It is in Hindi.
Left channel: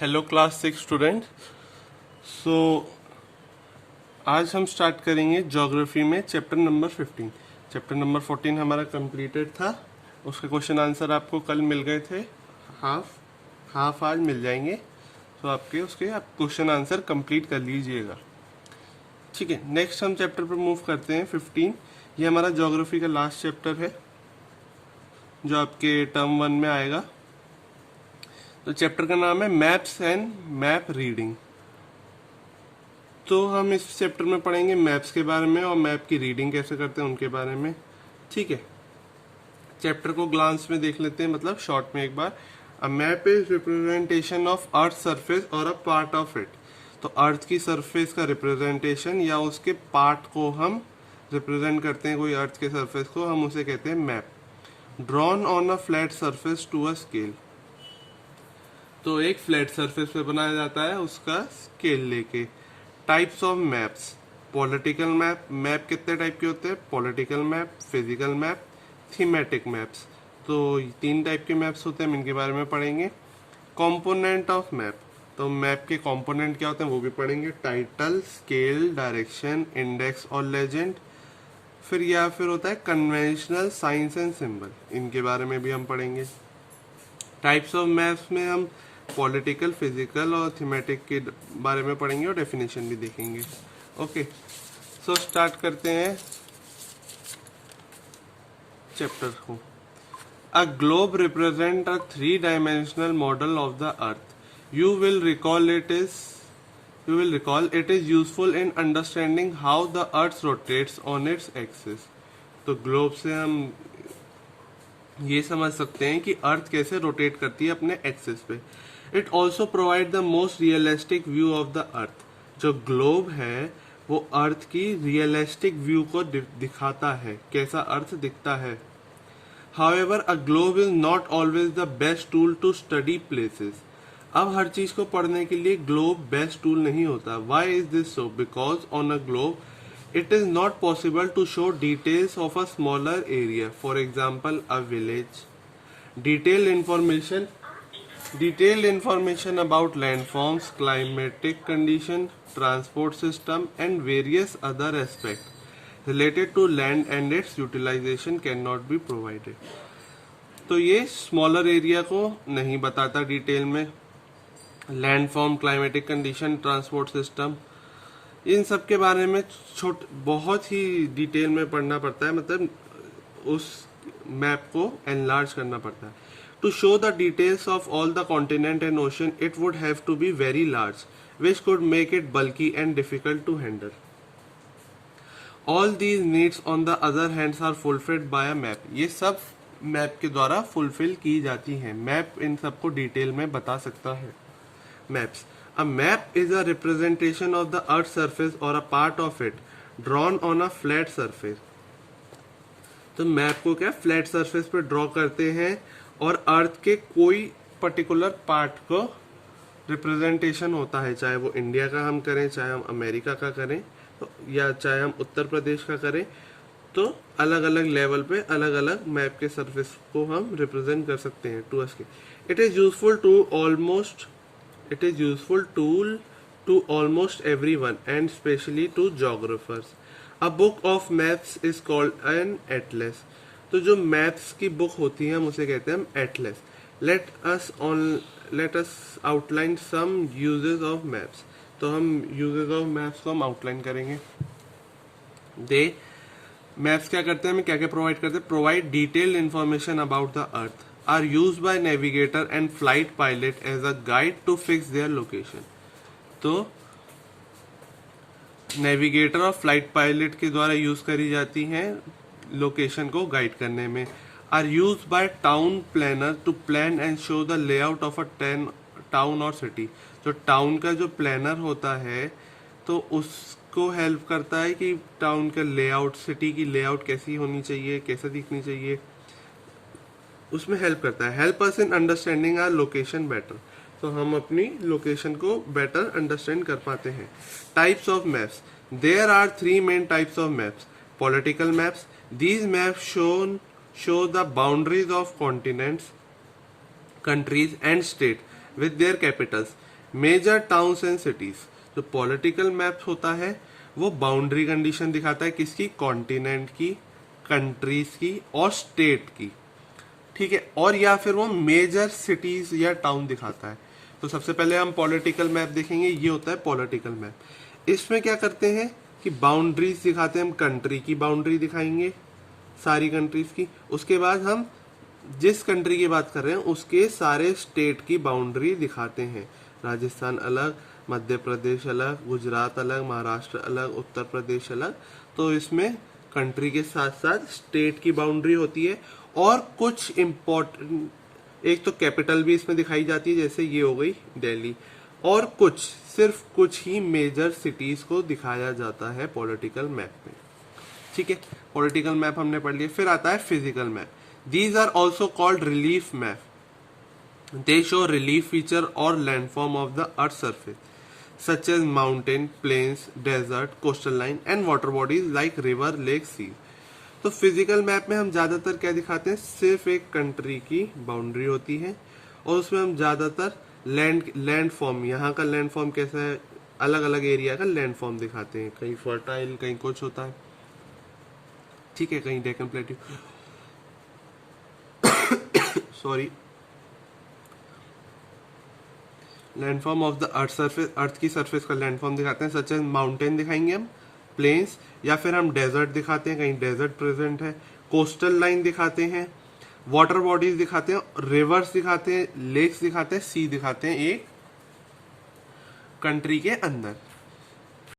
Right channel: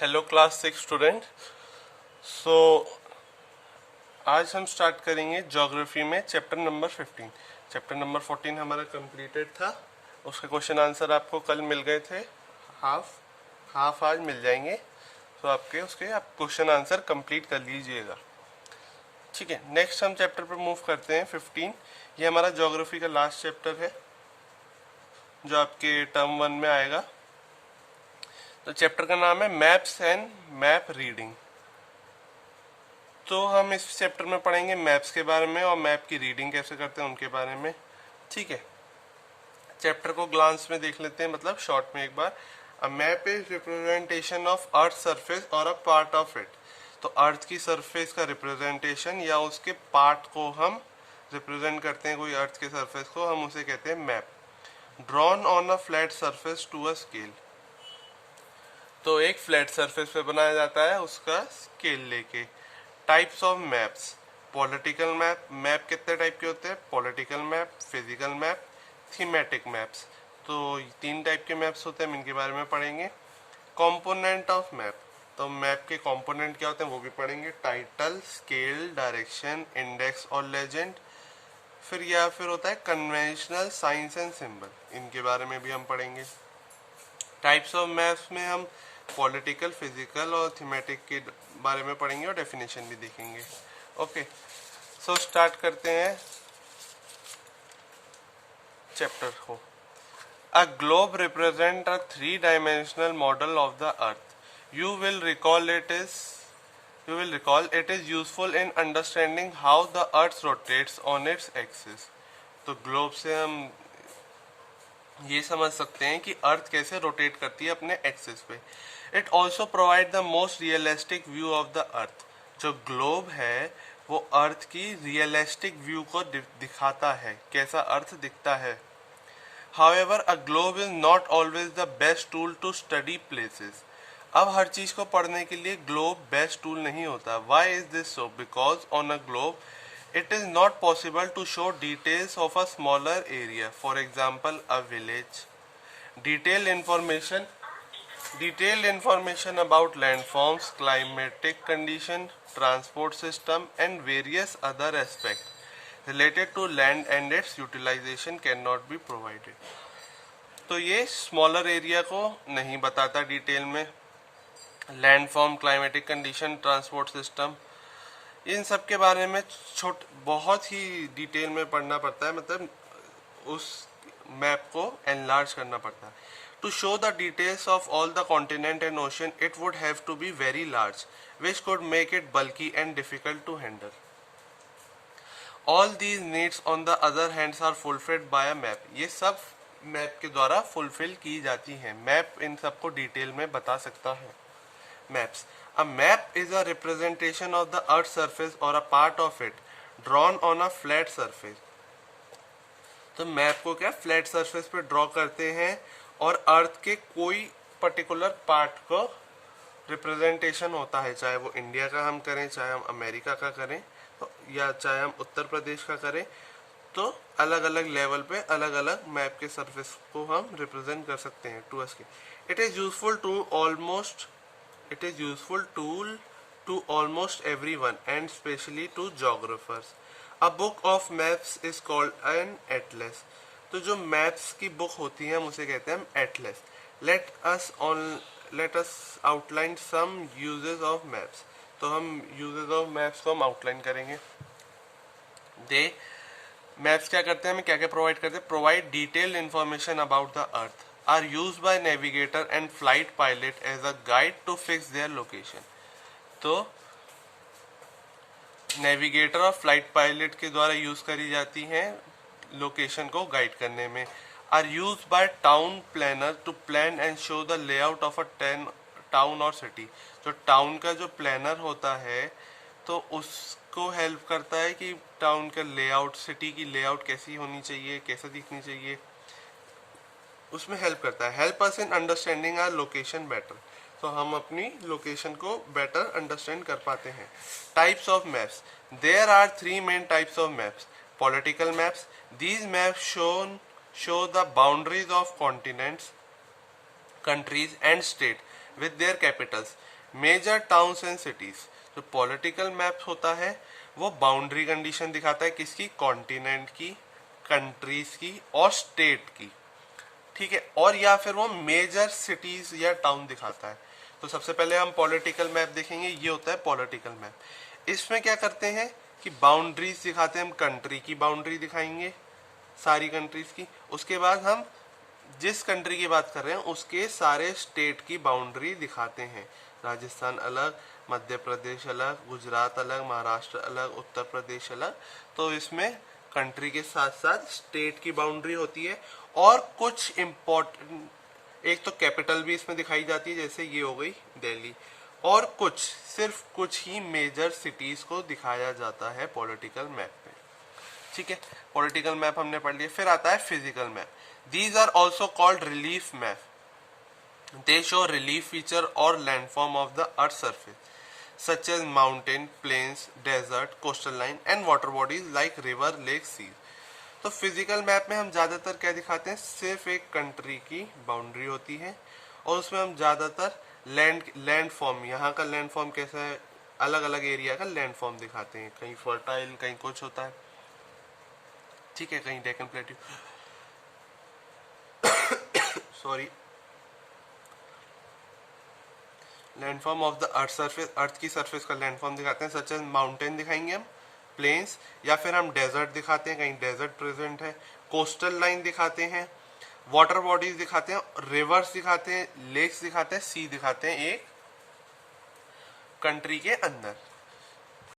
Hello class 6 student. सो आज हम स्टार्ट करेंगे ज्योग्राफी में चैप्टर नंबर 15। चैप्टर नंबर 14 हमारा कंप्लीटेड था। उसके क्वेश्चन आंसर आपको कल मिल गए थे। हाफ आज मिल जाएंगे, तो आपके उसके आप क्वेश्चन आंसर कंप्लीट कर लीजिएगा। ठीक है, नेक्स्ट हम चैप्टर पर मूव करते हैं 15। ये हमारा ज्योग्राफी का लास्ट चैप्टर है जो आपके टर्म 1 में आएगा। तो चैप्टर का नाम है मैप्स एंड मैप रीडिंग। तो हम इस चैप्टर में पढ़ेंगे मैप्स के बारे में और मैप की रीडिंग कैसे करते हैं उनके बारे में। ठीक है, चैप्टर को ग्लांस में देख लेते हैं, मतलब शॉर्ट में एक बार। A map is representation of earth surface और अ पार्ट ऑफ इट। तो अर्थ की सरफेस का रिप्रेजेंटेशन या उसके पार्ट को हम रिप्रेजेंट करते हैं, कोई अर्थ के सरफेस को, हम उसे कहते हैं map. Drawn on a flat surface to a scale. तो एक फ्लैट सरफेस पे बनाया जाता है उसका स्केल लेके। Types of maps. Political map. Map कितने टाइप के होते हैं? Political map, physical map, thematic maps. तो 3 टाइप के मैप्स होते हैं, हम इनके बारे में पढ़ेंगे। Component of map. तो मैप के कंपोनेंट क्या होते हैं वो भी पढ़ेंगे। टाइटल, स्केल, डायरेक्शन, इंडेक्स और लेजेंड। फिर होता है कन्वेंशनल, साइंस एंड सिंबल। इनके बारे में भी हम पढ़ेंगे। टाइप्स ऑफ मैप्स में हम पॉलिटिकल, फिजिकल और थीमेटिक के बारे में पढ़ेंगे और डेफिनेशन भी देखेंगे। ओके, सो स्टार्ट करते हैं चैप्टर को। A globe represent a 3-dimensional model of the earth. You will recall it is useful in understanding how the earth rotates on its axis. तो ग्लोब से हम ये समझ सकते हैं कि अर्थ कैसे रोटेट करती है अपने एक्सिस पे। It also provide the most realistic view of the अर्थ। जो ग्लोब है वो अर्थ की रियलिस्टिक व्यू को दिखाता है, कैसा अर्थ दिखता है। However, a globe is not always the best tool to study places. अब हर चीज को पढ़ने के लिए ग्लोब बेस्ट टूल नहीं होता। Why is this so? Because on a globe it is not possible to show details of a smaller area. For example, a village. Detailed information about landforms, climatic condition, transport system and various other aspects related to land and its utilization cannot be provided. तो ये स्मॉलर एरिया को नहीं बताता डिटेल में। Landform, climatic condition, transport system, इन सब के बारे में बहुत ही डिटेल में पढ़ना पड़ता है, मतलब उस मैप को एनलार्ज करना पड़ता है। To show the details of all the continent and ocean it would have to be very large which could make it bulky and difficult to handle. All these needs on the other hands are fulfilled by a map. ये सब मैप के द्वारा फुलफिल की जाती हैं। मैप इन सबको डिटेल में बता सकता है। Maps. A map is a representation of the earth surface और a part of it drawn on a flat surface. तो मैप को क्या फ्लैट सरफेस पे ड्रॉ करते हैं और अर्थ के कोई पर्टिकुलर पार्ट को रिप्रेजेंटेशन होता है, चाहे वो इंडिया का हम करें, चाहे हम अमेरिका का करें, तो या चाहे हम उत्तर प्रदेश का करें, तो अलग अलग लेवल पे अलग अलग मैप के सरफेस को हम रिप्रेजेंट कर सकते हैं to scale. It is useful tool to almost everyone and specially to geographers. A book of maps is called an atlas. तो जो मैप्स की बुक होती है हम उसे कहते हैं atlas. Let us outline some uses of maps. तो हम यूजेस ऑफ मैप्स को हम आउटलाइन करेंगे। मैप्स क्या करते हैं, हमें क्या क्या प्रोवाइड करते हैं? Provide detailed information about the earth, are use by navigator and flight pilot as a guide to fix their location. तो नेविगेटर और फ्लाइट पायलट के द्वारा यूज करी जाती हैं लोकेशन को गाइड करने में। Are use by town planner to plan and show the layout of a town or city. तो टाउन का जो प्लानर होता है तो उसको हेल्प करता है कि टाउन का लेआउट, सिटी की लेआउट कैसी होनी चाहिए, कैसा दिखनी चाहिए, उसमें हेल्प करता है। Help us in understanding our location better. तो हम अपनी लोकेशन को बेटर अंडरस्टैंड कर पाते हैं। Types of maps. There are 3 main types of maps. Political maps. These maps show the boundaries of continents, countries and state with their capitals. Major towns and cities. जो पॉलिटिकल मैप होता है वो बाउंड्री कंडीशन दिखाता है किसकी, कॉन्टिनेंट की, कंट्रीज की और स्टेट की, ठीक है, और या फिर वो मेजर सिटीज या टाउन दिखाता है। तो सबसे पहले हम पॉलिटिकल मैप देखेंगे, ये होता है पॉलिटिकल मैप। इसमें क्या करते हैं कि बाउंड्रीज दिखाते हैं, हम कंट्री की बाउंड्री दिखाएंगे सारी कंट्रीज की, उसके बाद हम जिस कंट्री की बात कर रहे हैं उसके सारे स्टेट की बाउंड्री दिखाते हैं। राजस्थान अलग, मध्य प्रदेश अलग, गुजरात अलग, महाराष्ट्र अलग, उत्तर प्रदेश अलग। तो इसमें कंट्री के साथ साथ स्टेट की बाउंड्री होती है और कुछ इम्पोर्टेंट, एक तो कैपिटल भी इसमें दिखाई जाती है, जैसे ये हो गई दिल्ली, और कुछ सिर्फ कुछ ही मेजर सिटीज को दिखाया जाता है पॉलिटिकल मैप में, ठीक है। पॉलिटिकल मैप हमने पढ़ लिया। फिर आता है physical map. These are also called relief map. They show relief feature और landform of the earth surface such as mountain, plains, desert, coastal line and water bodies like river, lake, sea. तो फिजिकल मैप में हम ज्यादातर क्या दिखाते हैं, सिर्फ एक कंट्री की बाउंड्री होती है और उसमें हम ज्यादातर लैंड फॉर्म, यहाँ का लैंड फॉर्म कैसा है, अलग अलग एरिया का लैंड फॉर्म दिखाते हैं, कहीं फर्टाइल, कहीं कुछ होता है, ठीक है, कहीं Deccan plateau, sorry, landform of the earth surface, earth की सरफेस का लैंडफॉर्म दिखाते हैं, सच एज माउंटेन दिखाएंगे हम, प्लेन्स, या फिर हम डेजर्ट दिखाते हैं, कहीं डेजर्ट प्रेजेंट है, कोस्टल लाइन दिखाते हैं, वाटर बॉडीज दिखाते हैं, रिवर्स दिखाते हैं, लेक्स दिखाते हैं, सी दिखाते हैं एक कंट्री के अंदर।